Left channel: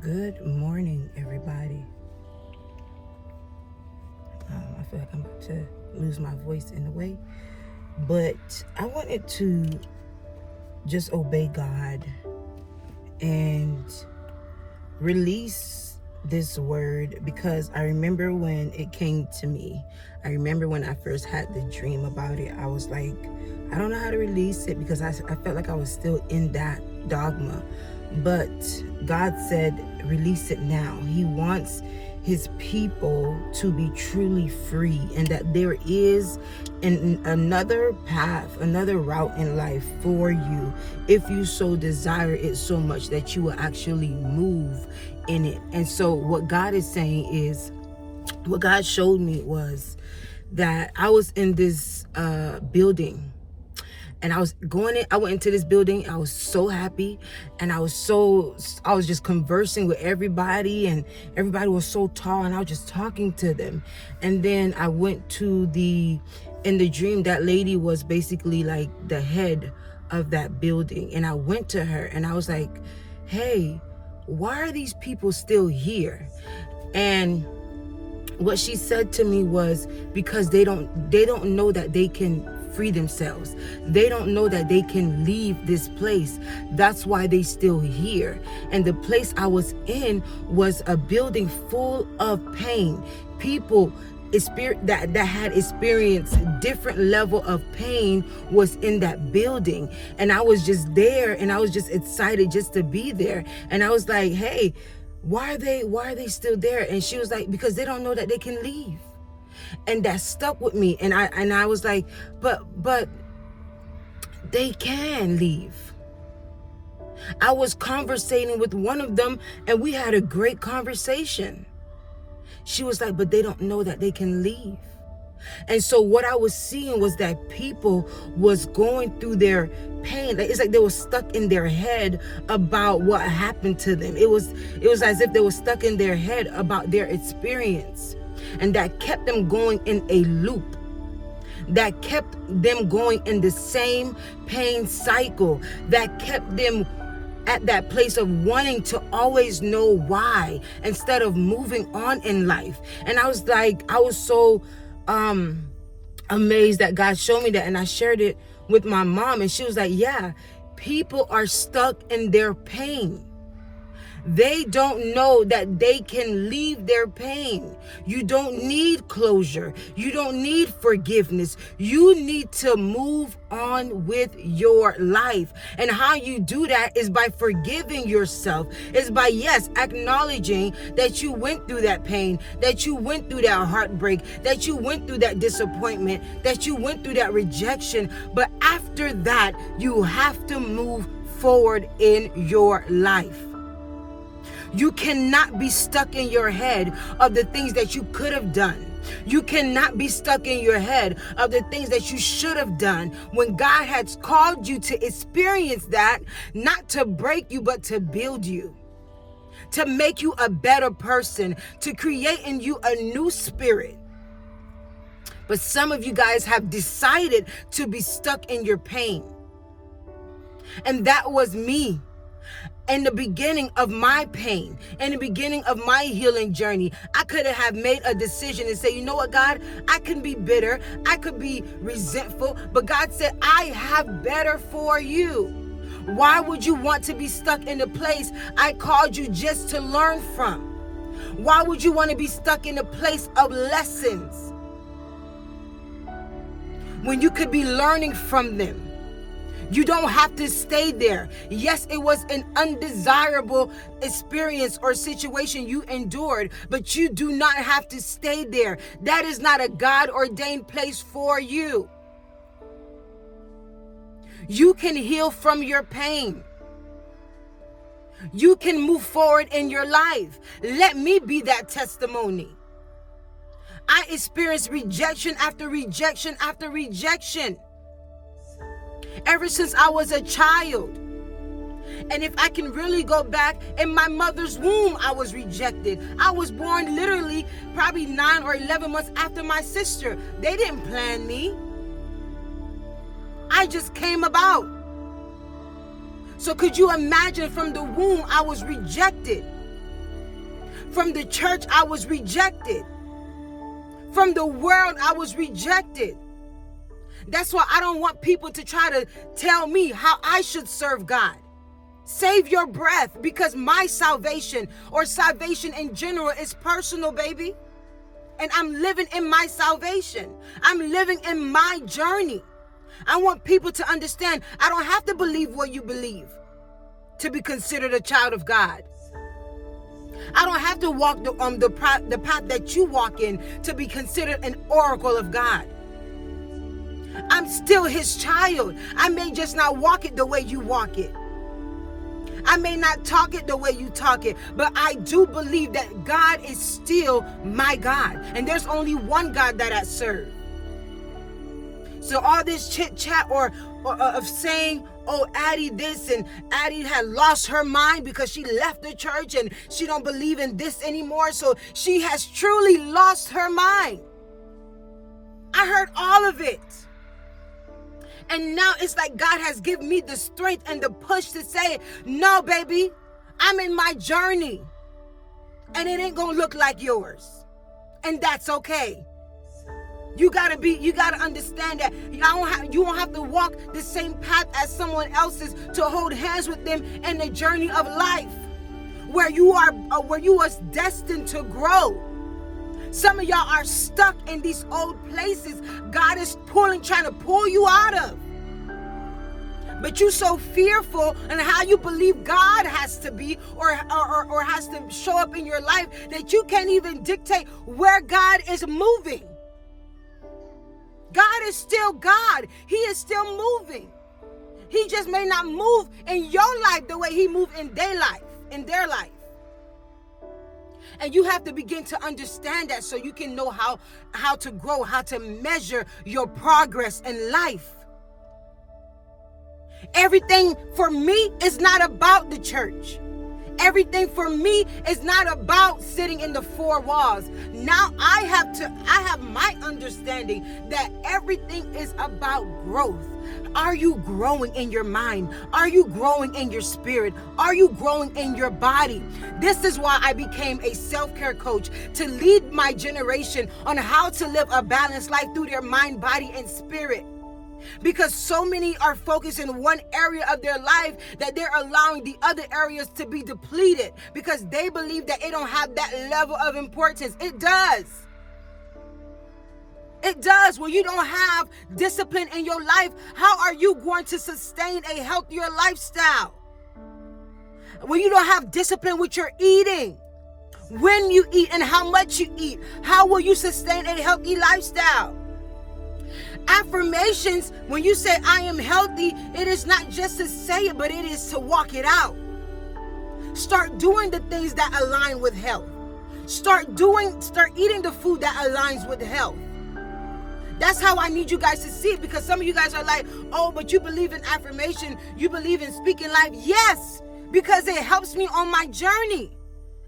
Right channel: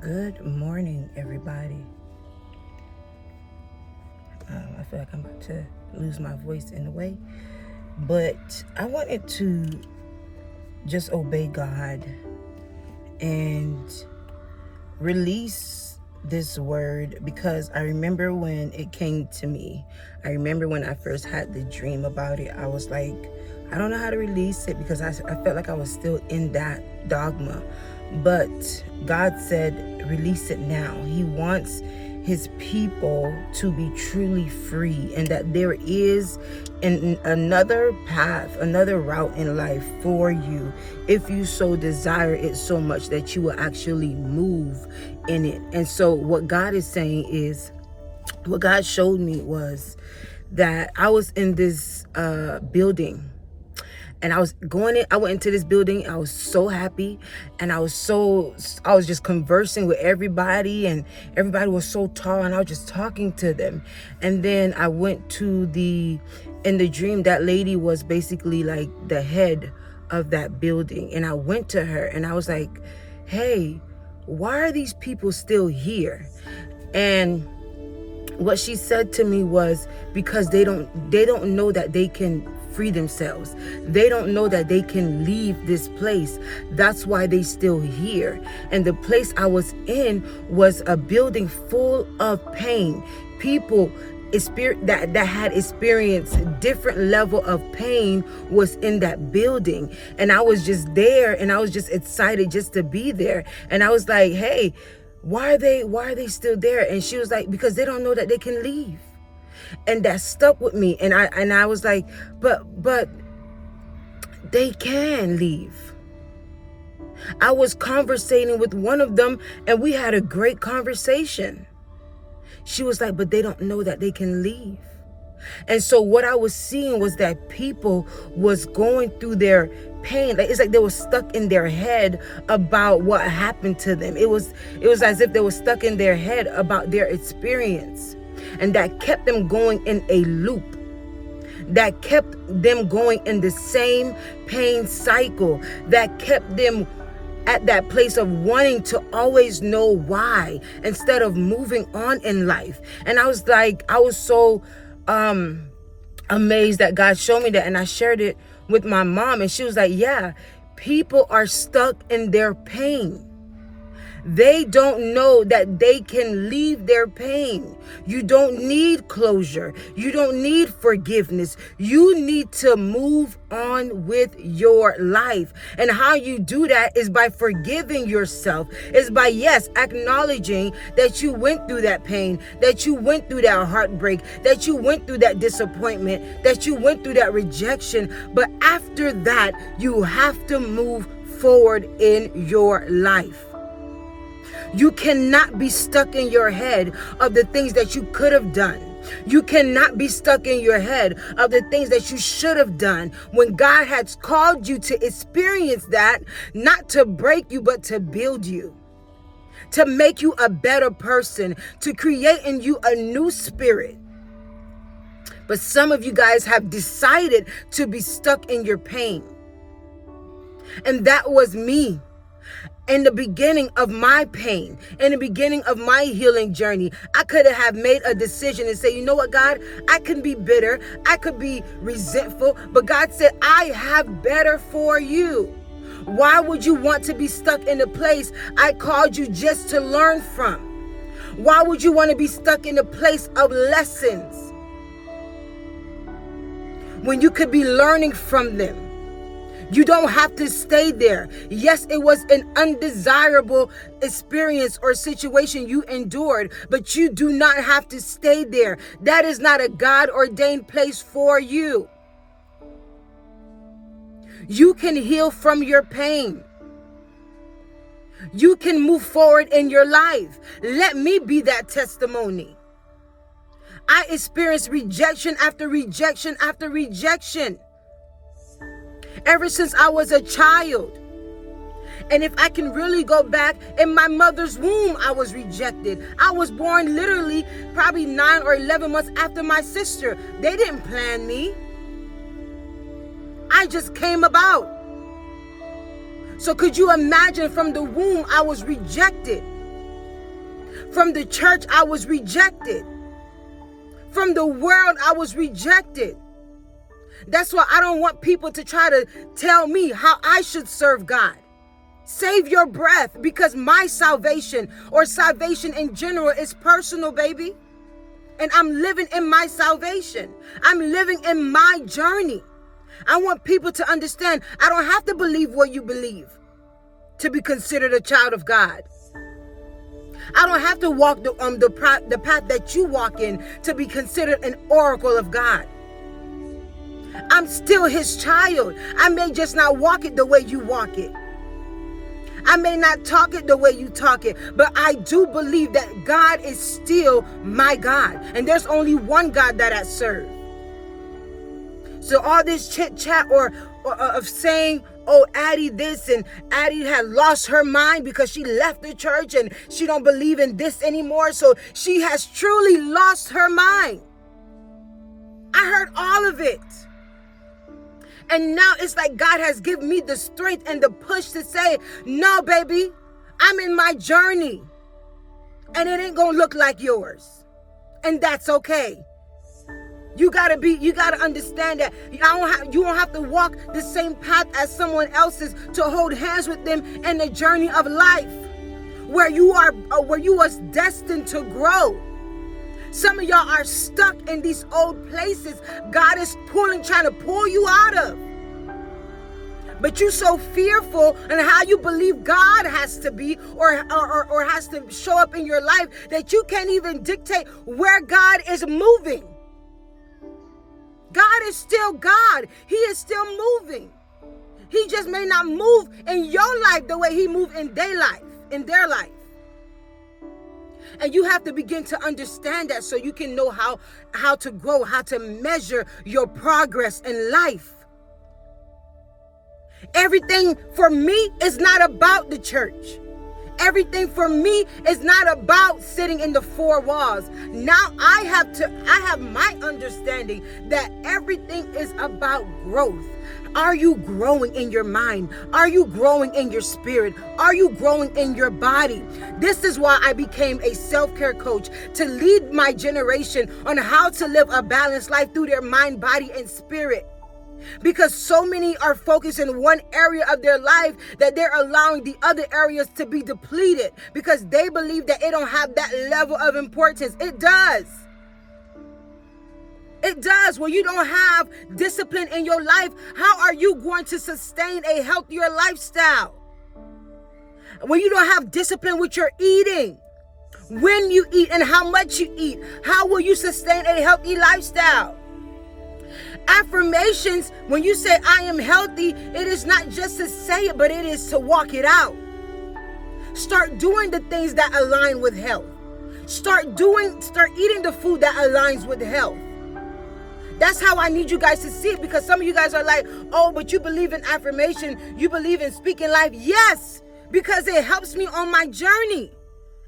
Good morning, everybody. I feel like I'm about to lose my voice in a way, but I wanted to just obey God and release this word because I remember when it came to me. I remember when I first had the dream about it. I was like, I don't know how to release it because I felt like I was still in that dogma. But God said, release it now. He wants his people to be truly free, and that there is another path, another route in life for you if you so desire it so much that you will actually move in it. And so what God is saying is, what God showed me was that I was in this building, and I went into this building. I was so happy, and I was just conversing with everybody, and everybody was so tall, and I was just talking to them. And then I went in the dream, that lady was basically like the head of that building. And I went to her and I was like, hey, why are these people still here? And what she said to me was, because they don't know that they can free themselves. They don't know that they can leave this place. That's why they still here. And the place I was in was a building full of pain. People that had experienced different level of pain was in that building. And I was just there, and I was just excited just to be there. And I was like, hey, why are they still there? And she was like, because they don't know that they can leave. And that stuck with me. And I was like, but they can leave. I was conversating with one of them, and we had a great conversation. She was like, but they don't know that they can leave. And so what I was seeing was that people was going through their pain. Like, it's like they were stuck in their head about what happened to them. It was as if they were stuck in their head about their experience. And that kept them going in a loop. That kept them going in the same pain cycle. That kept them at that place of wanting to always know why instead of moving on in life. And I was so amazed that God showed me that. And I shared it with my mom, and she was like, yeah, people are stuck in their pain. They don't know that they can leave their pain. You don't need closure. You don't need forgiveness. You need to move on with your life. And how you do that is by forgiving yourself. It's by, yes, acknowledging that you went through that pain, that you went through that heartbreak, that you went through that disappointment, that you went through that rejection. But after that, you have to move forward in your life. You cannot be stuck in your head of the things that you could have done. You cannot be stuck in your head of the things that you should have done when God has called you to experience that, not to break you, but to build you, to make you a better person, to create in you a new spirit. But some of you guys have decided to be stuck in your pain. And that was me. In the beginning of my pain, in the beginning of my healing journey, I could have made a decision and say, you know what, God, I can be bitter, I could be resentful, but God said, I have better for you. Why would you want to be stuck in a place I called you just to learn from? Why would you want to be stuck in a place of lessons when you could be learning from them? You don't have to stay there. Yes, it was an undesirable experience or situation you endured, but you do not have to stay there. That is not a God-ordained place for you. You can heal from your pain. You can move forward in your life. Let me be that testimony. I experienced rejection after rejection after rejection, ever since I was a child. And if I can really go back, in my mother's womb, I was rejected. I was born literally probably 9 or 11 months after my sister. They didn't plan me. I just came about. So could you imagine, from the womb, I was rejected. From the church, I was rejected. From the world, I was rejected. That's why I don't want people to try to tell me how I should serve God. Save your breath, because my salvation, or salvation in general, is personal, baby. And I'm living in my salvation. I'm living in my journey. I want people to understand I don't have to believe what you believe to be considered a child of God. I don't have to walk the path that you walk in to be considered an oracle of God. I'm still his child. I may just not walk it the way you walk it. I may not talk it the way you talk it, but I do believe that God is still my God. And there's only one God that I serve. So all this chit chat or of saying, oh, Addie this, and Addie had lost her mind because she left the church and she don't believe in this anymore. So she has truly lost her mind. I heard all of it. And now it's like God has given me the strength and the push to say, no, baby, I'm in my journey. And it ain't going to look like yours. And that's okay. You got to understand that you don't have to walk the same path as someone else's to hold hands with them in the journey of life where you was destined to grow. Some of y'all are stuck in these old places God is trying to pull you out of. But you're so fearful in how you believe God has to be or has to show up in your life that you can't even dictate where God is moving. God is still God. He is still moving. He just may not move in your life the way he moved in their life. And you have to begin to understand that so you can know how to grow, how to measure your progress in life. Everything for me is not about the church. Everything for me is not about sitting in the four walls. Now I have my understanding that everything is about growth. Are you growing in your mind? Are you growing in your spirit? Are you growing in your body? This is why I became a self-care coach, to lead my generation on how to live a balanced life through their mind, body, and spirit. Because so many are focused in one area of their life that they're allowing the other areas to be depleted because they believe that it don't have that level of importance. It does. It does. When you don't have discipline in your life, how are you going to sustain a healthier lifestyle? When you don't have discipline with your eating, when you eat and how much you eat, how will you sustain a healthy lifestyle? Affirmations, when you say I am healthy, it is not just to say it, but it is to walk it out. Start doing the things that align with health. Start eating the food that aligns with health. That's how I need you guys to see it, because some of you guys are like, oh, but you believe in affirmation, you believe in speaking life. Yes, because it helps me on my journey.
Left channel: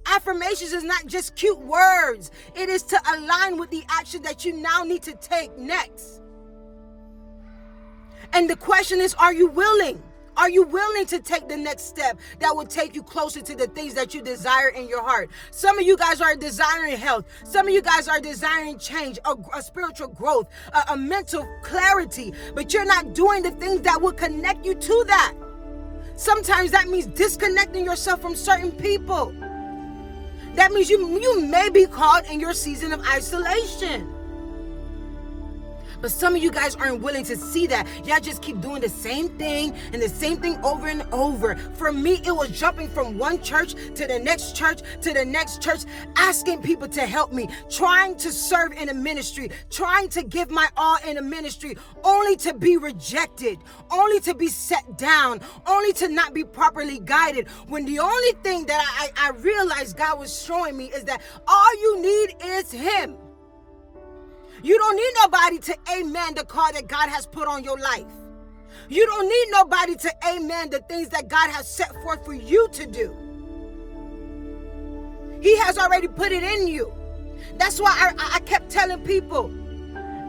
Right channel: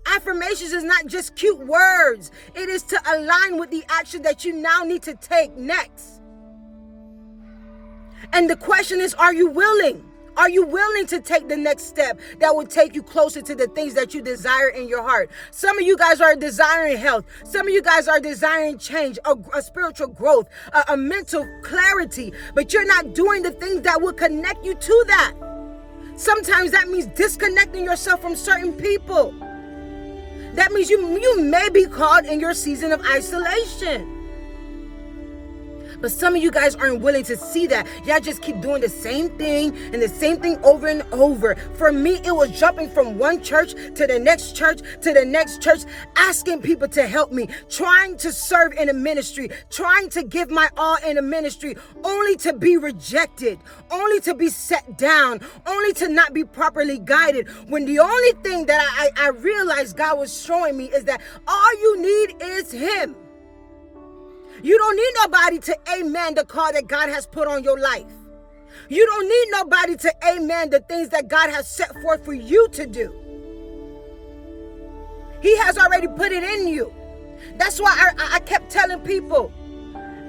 Affirmations is not just cute words. It is to align with the action that you now need to take next. And the question is, are you willing? Are you willing to take the next step that will take you closer to the things that you desire in your heart? Some of you guys are desiring health. Some of you guys are desiring change, a spiritual growth, a mental clarity, but you're not doing the things that will connect you to that. Sometimes that means disconnecting yourself from certain people. That means you may be caught in your season of isolation. But some of you guys aren't willing to see that. Y'all just keep doing the same thing and the same thing over and over. For me, it was jumping from one church to the next church to the next church, asking people to help me, trying to serve in a ministry, trying to give my all in a ministry, only to be rejected, only to be set down, only to not be properly guided. When the only thing that I realized God was showing me is that all you need is Him. You don't need nobody to amen the call that God has put on your life. You don't need nobody to amen the things that God has set forth for you to do. He has already put it in you. That's why I kept telling people,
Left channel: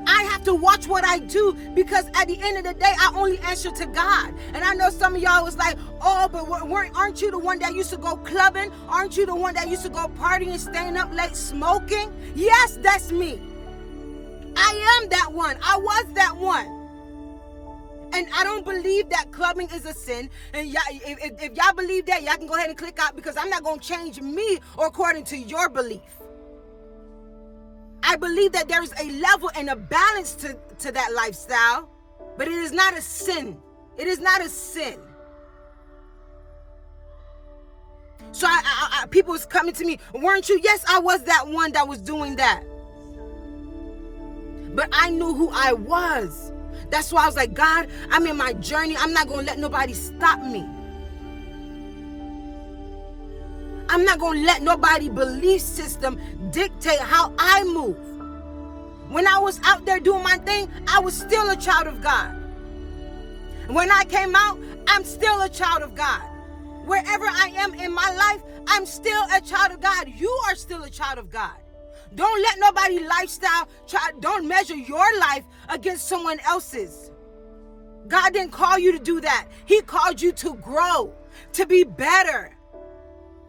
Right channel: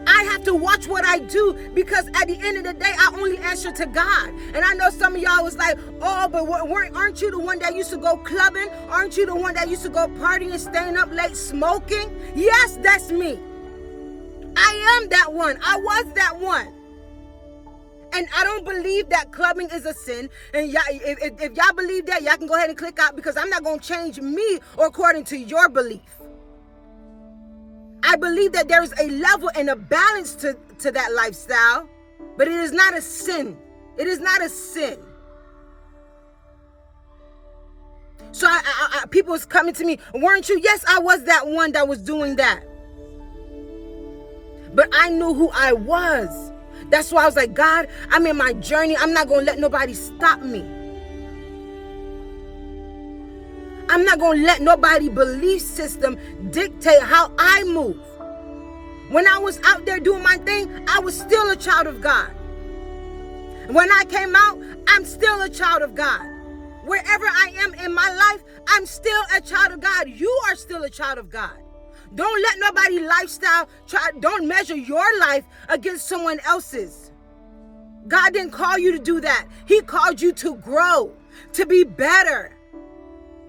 I have to watch what I do, because at the end of the day, I only answer to God. And I know some of y'all was like, oh, but aren't you the one that used to go clubbing? Aren't you the one that used to go partying, staying up late, smoking? Yes, that's me. I am that one. I was that one. And I don't believe that clubbing is a sin. And y'all, if y'all believe that, y'all can go ahead and click out, because I'm not going to change me or according to your belief. I believe that there is a level and a balance to that lifestyle, but it is not a sin. It is not a sin. So people was coming to me, weren't you? Yes, I was that one that was doing that. But I knew who I was. That's why I was like, God, I'm in my journey. I'm not going to let nobody stop me. I'm not going to let nobody's belief system dictate how I move. When I was out there doing my thing, I was still a child of God. When I came out, I'm still a child of God. Wherever I am in my life, I'm still a child of God. You are still a child of God. Don't let nobody's lifestyle don't measure your life against someone else's. God didn't call you to do that. He called you to grow, to be better,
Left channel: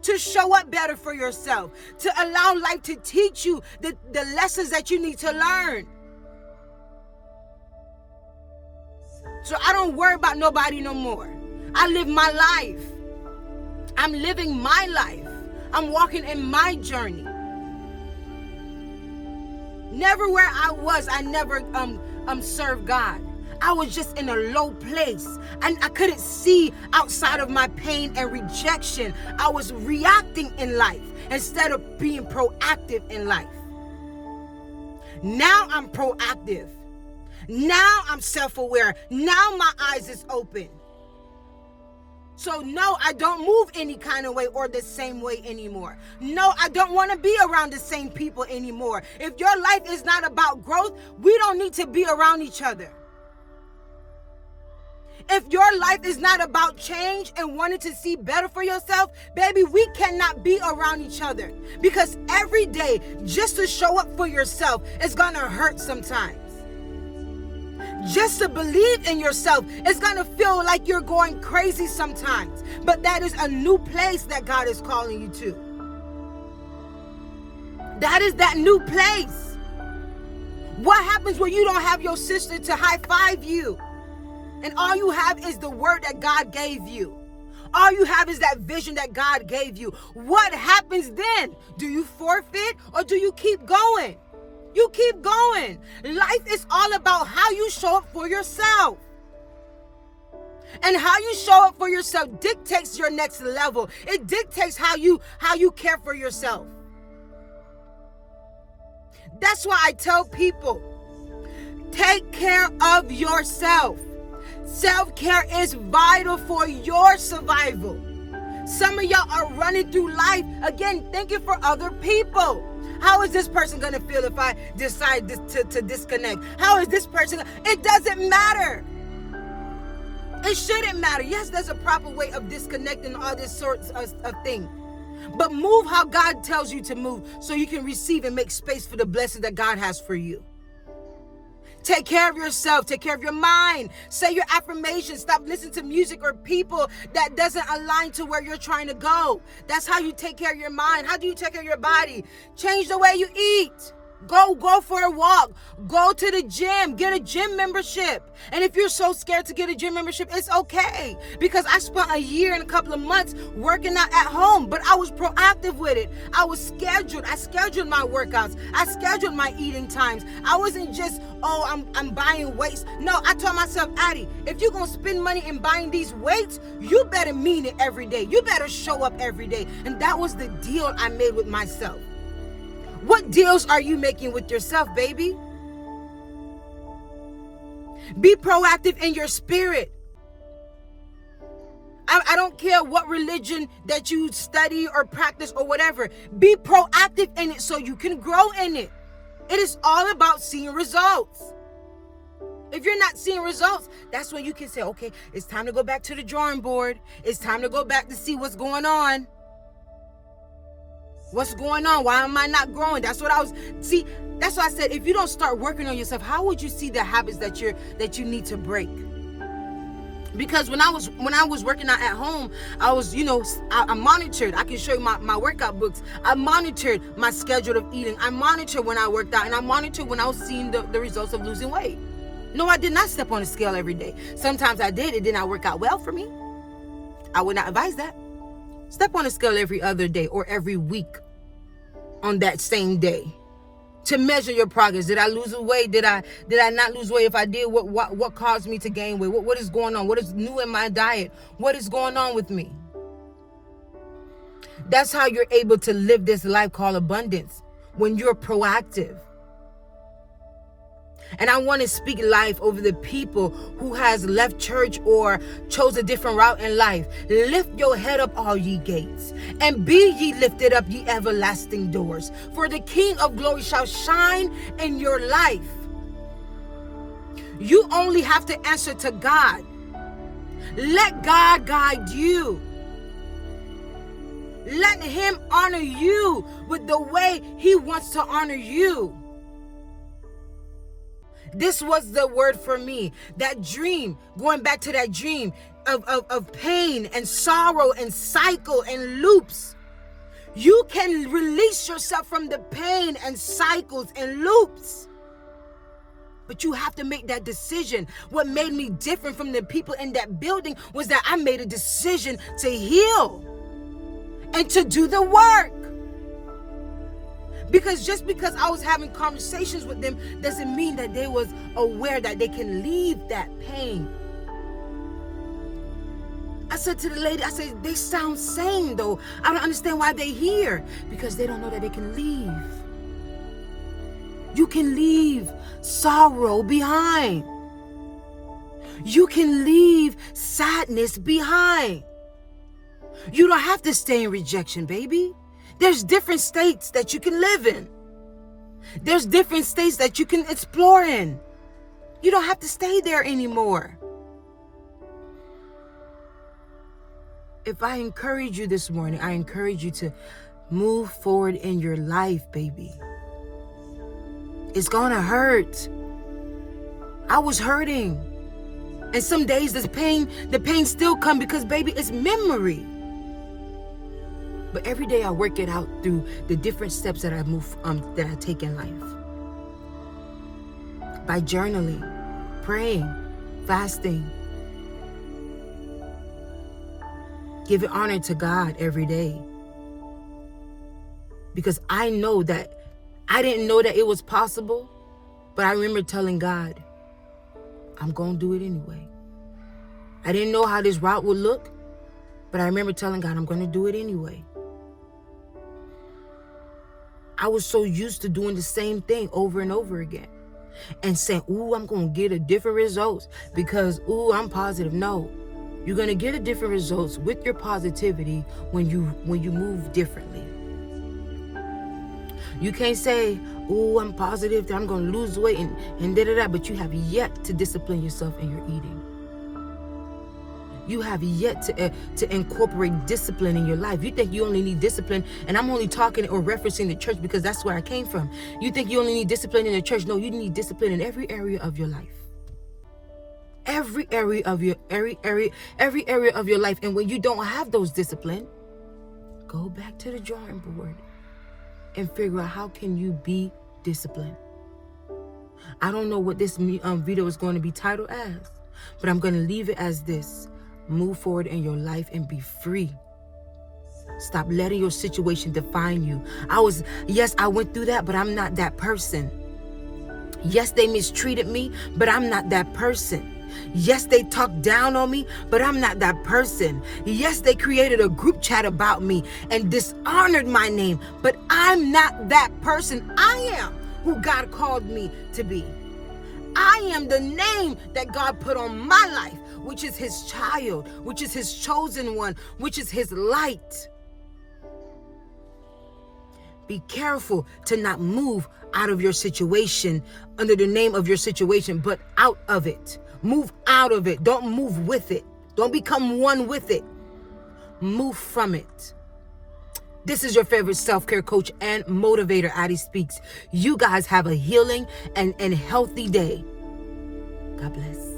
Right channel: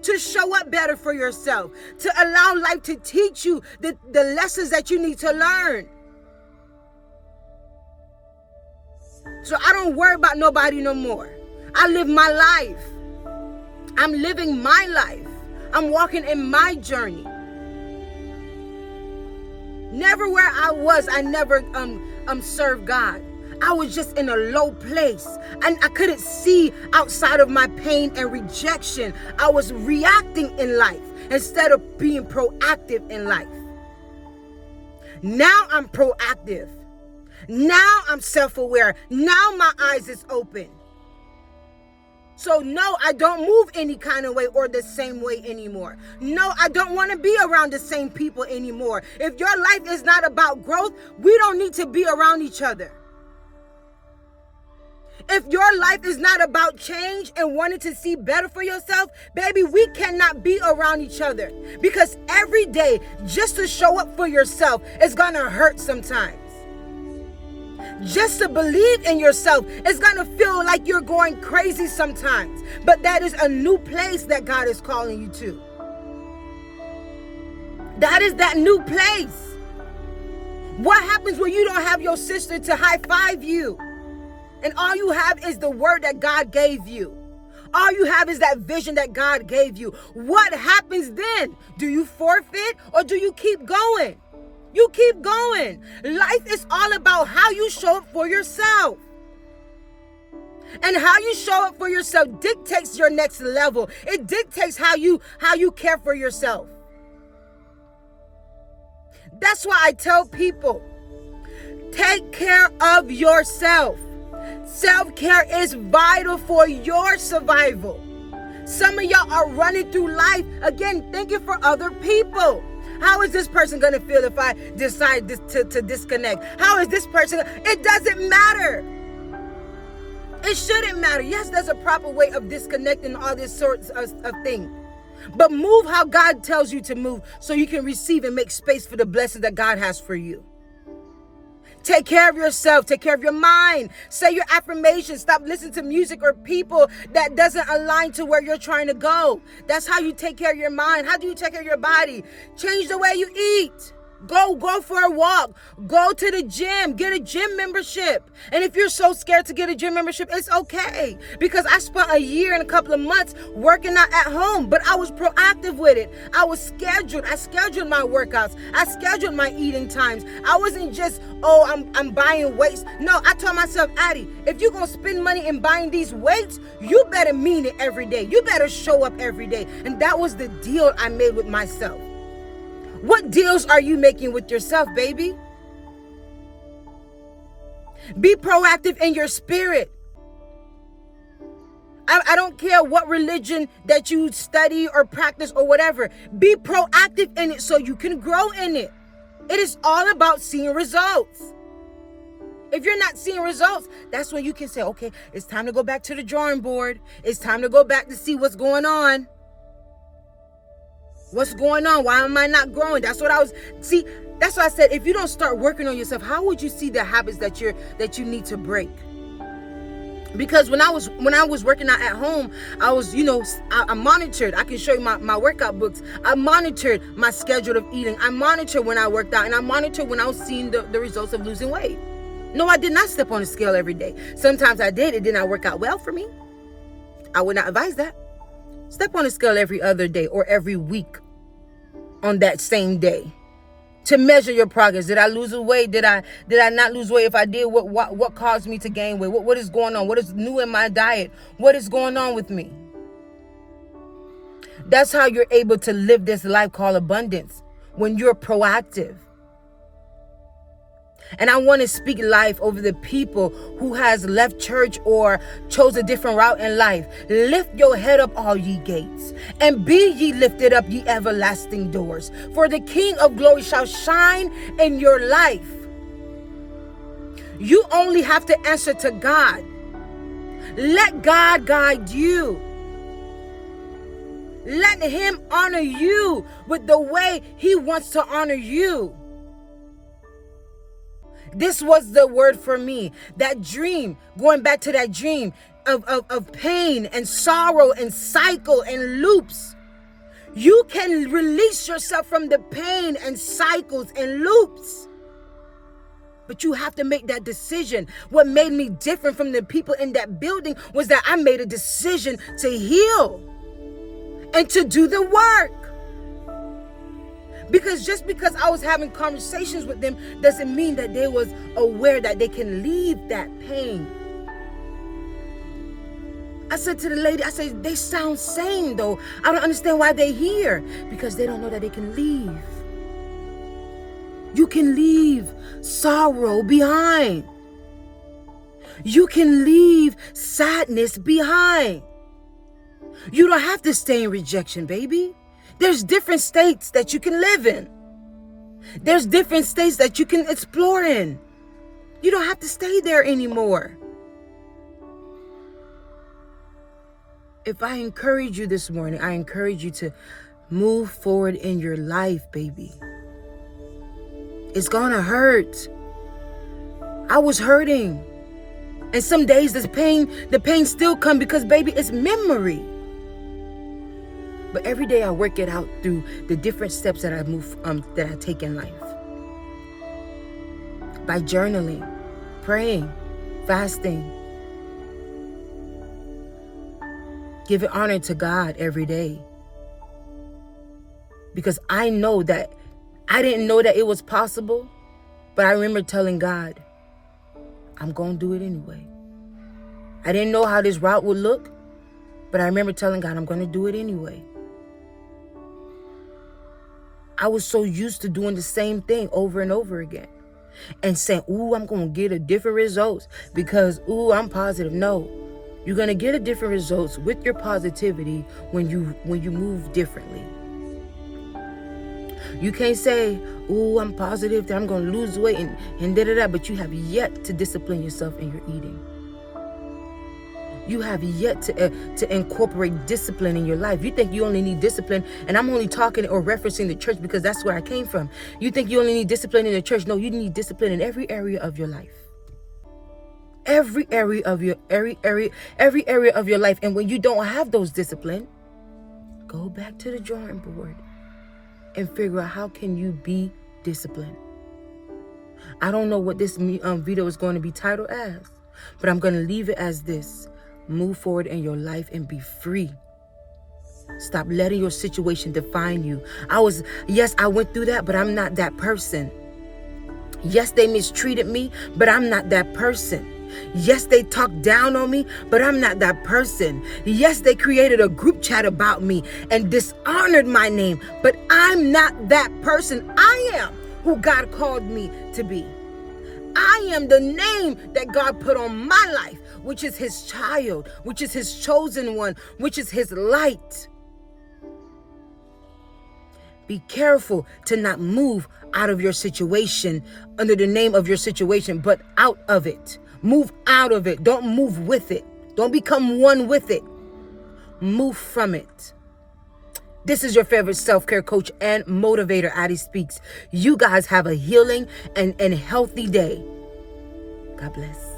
to show up better for yourself, to allow life to teach you the lessons that you need to learn. So I don't worry about nobody no more. I live my life. I'm living my life. I'm walking in my journey. Never where I was, I never served God. I was just in a low place, and I couldn't see outside of my pain and rejection. I was reacting in life instead of being proactive in life. Now I'm proactive. Now I'm self-aware. Now my eyes is open. So no, I don't move any kind of way or the same way anymore. No, I don't want to be around the same people anymore. If your life is not about growth, we don't need to be around each other. If your life is not about change and wanting to see better for yourself, baby, we cannot be around each other. Because every day, just to show up for yourself is going to hurt sometimes. Just to believe in yourself is going to feel like you're going crazy sometimes. But that is a new place that God is calling you to. That is that new place. What happens when you don't have your sister to high five you? And all you have is the word that God gave you. All you have is that vision that God gave you. What happens then? Do you forfeit or do you keep going? You keep going. Life is all about how you show up for yourself. And how you show up for yourself dictates your next level. It dictates how you care for yourself. That's why I tell people, take care of yourself. Self-care is vital for your survival. Some of y'all are running through life, again, thinking for other people. How is this person going to feel if I decide to disconnect? How is this person? It doesn't matter. It shouldn't matter. Yes, there's a proper way of disconnecting all this sorts of things. But move how God tells you to move so you can receive and make space for the blessings that God has for you. Take care of yourself. Take care of your mind. Say your affirmations. Stop listening to music or people that doesn't align to where you're trying to go. That's how you take care of your mind. How do you take care of your body? Change the way you eat. Go for a walk. Go to the gym. Get a gym membership. And if you're so scared to get a gym membership, it's okay. Because I spent a year and a couple of months working out at home, but I was proactive with it. I was scheduled. I scheduled my workouts. I scheduled my eating times. I wasn't just, I'm buying weights. No, I told myself, Addie, if you're going to spend money in buying these weights, you better mean it every day. You better show up every day. And that was the deal I made with myself. What deals are you making with yourself, baby? Be proactive in your spirit. I don't care what religion that you study or practice or whatever. Be proactive in it so you can grow in it. It is all about seeing results. If you're not seeing results, that's when you can say, okay, it's time to go back to the drawing board. It's time to go back to see what's going on. What's going on? Why am I not growing? That's what I was, see, that's why I said, if you don't start working on yourself, how would you see the habits that you need to break? Because when I was working out at home, I was, I monitored. I can show you my workout books. I monitored my schedule of eating. I monitored when I worked out, and I monitored when I was seeing the results of losing weight. No, I did not step on a scale every day. Sometimes I did. It did not work out well for me. I would not advise that. Step on a scale every other day or every week on that same day to measure your progress. Did I lose weight? Did I not lose weight? If I did, what caused me to gain weight? What is going on? What is new in my diet? What is going on with me? That's how you're able to live this life called abundance, when you're proactive. And I want to speak life over the people who has left church or chose a different route in life. Lift your head up, all ye gates, and be ye lifted up, ye everlasting doors. For the King of glory shall shine in your life. You only have to answer to God. Let God guide you. Let him honor you with the way he wants to honor you. This was the word for me. That dream, going back to that dream of pain and sorrow and cycle and loops. You can release yourself from the pain and cycles and loops. But you have to make that decision. What made me different from the people in that building was that I made a decision to heal and to do the work. Because just because I was having conversations with them doesn't mean that they was aware that they can leave that pain. I said to the lady, I said, they sound sane though. I don't understand why they're here. Because they don't know that they can leave. You can leave sorrow behind. You can leave sadness behind. You don't have to stay in rejection, baby. There's different states that you can live in. There's different states that you can explore in. You don't have to stay there anymore. If I encourage you this morning, I encourage you to move forward in your life, baby. It's gonna hurt. I was hurting. And some days the pain still comes because, baby, it's memory. But every day I work it out through the different steps that that I take in life. By journaling, praying, fasting. Giving honor to God every day. Because I know that I didn't know that it was possible, but I remember telling God, I'm going to do it anyway. I didn't know how this route would look, but I remember telling God, I'm going to do it anyway. I was so used to doing the same thing over and over again and saying, ooh, I'm going to get a different results because, ooh, I'm positive. No, you're going to get a different results with your positivity when you move differently. You can't say, ooh, I'm positive that I'm going to lose weight and da-da-da, but you have yet to discipline yourself in your eating. You have yet to incorporate discipline in your life. You think you only need discipline, and I'm only talking or referencing the church because that's where I came from. You think you only need discipline in the church. No, you need discipline in every area of your life. Every area of your life. And when you don't have those discipline, go back to the drawing board and figure out how can you be disciplined. I don't know what this video is going to be titled as, but I'm going to leave it as this. Move forward in your life and be free. Stop letting your situation define you. I went through that, but I'm not that person. Yes, they mistreated me, but I'm not that person. Yes, they talked down on me, but I'm not that person. Yes, they created a group chat about me and dishonored my name, but I'm not that person. I am who God called me to be. I am the name that God put on my life, which is his child, which is his chosen one, which is his light. Be careful to not move out of your situation under the name of your situation, but out of it. Move out of it. Don't move with it. Don't become one with it. Move from it. This is your favorite self-care coach and motivator, Addie Speaks. You guys have a healing and healthy day. God bless.